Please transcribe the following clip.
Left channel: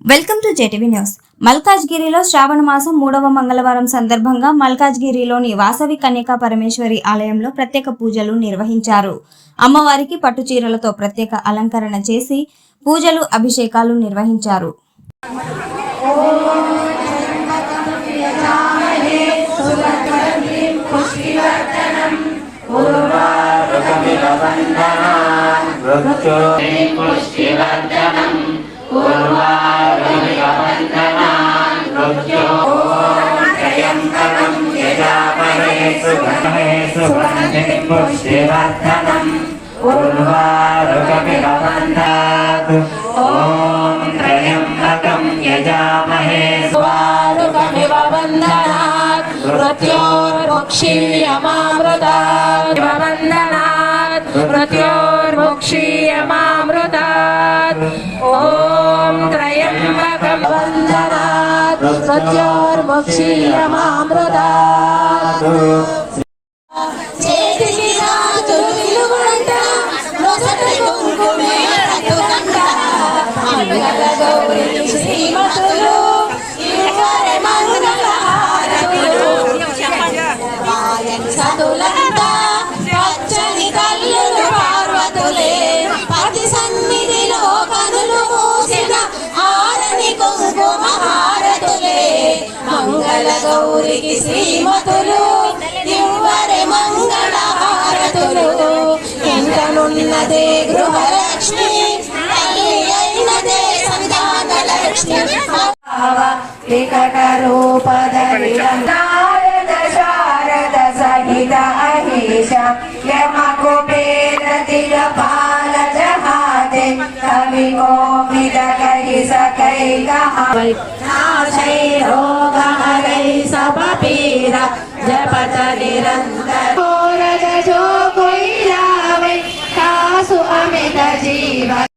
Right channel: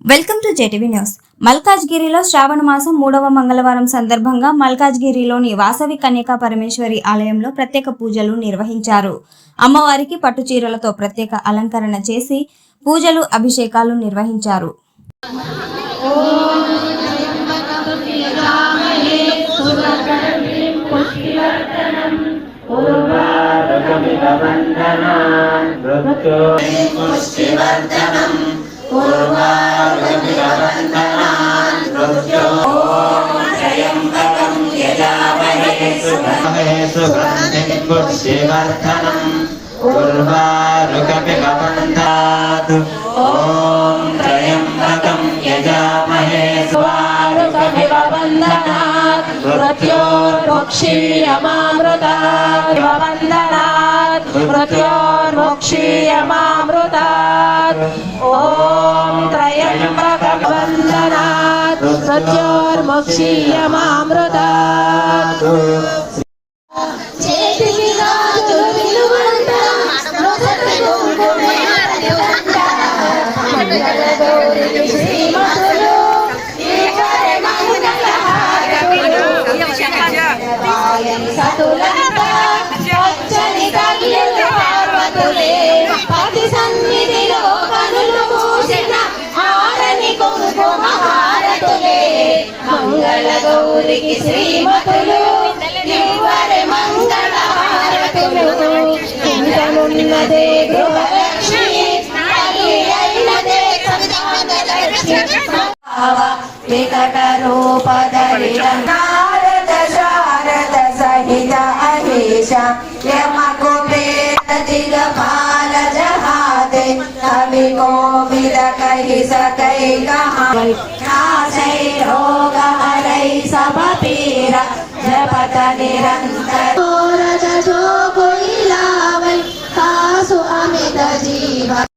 Welcome to JTV news. మల్కాజ్గిరిలో శ్రావణ మాసం 3వ మంగళవారం సందర్భంగా మల్కాజ్గిరిలోని వాసవి కన్యకా పరమేశ్వరి ఆలయంలో ప్రత్యేక పూజలు నిర్వహించారు. అమ్మవారికి పట్టు చీరలతో ప్రత్యేక అలంకరణ చేసి పూజలు, అభిషేకాలు నిర్వహించారు. मृत्योर्मुक्षीयमामृतात् ॐ त्र्यम्बकं वन्दनात् मृत्योर्मुक्षीयमामृतात् గౌరికి శ్రీమతులు దివ్వరే మంగళ హారతులు ఇంకనున్నదే గృహలక్ష్మి అయినదే సంతానలక్ష్మి వికట రూపధరిరం నారద శారద సహిత అహేష యమ కుబేర దిగపాల జహాదే కవి కోవిద కహి సకై కహ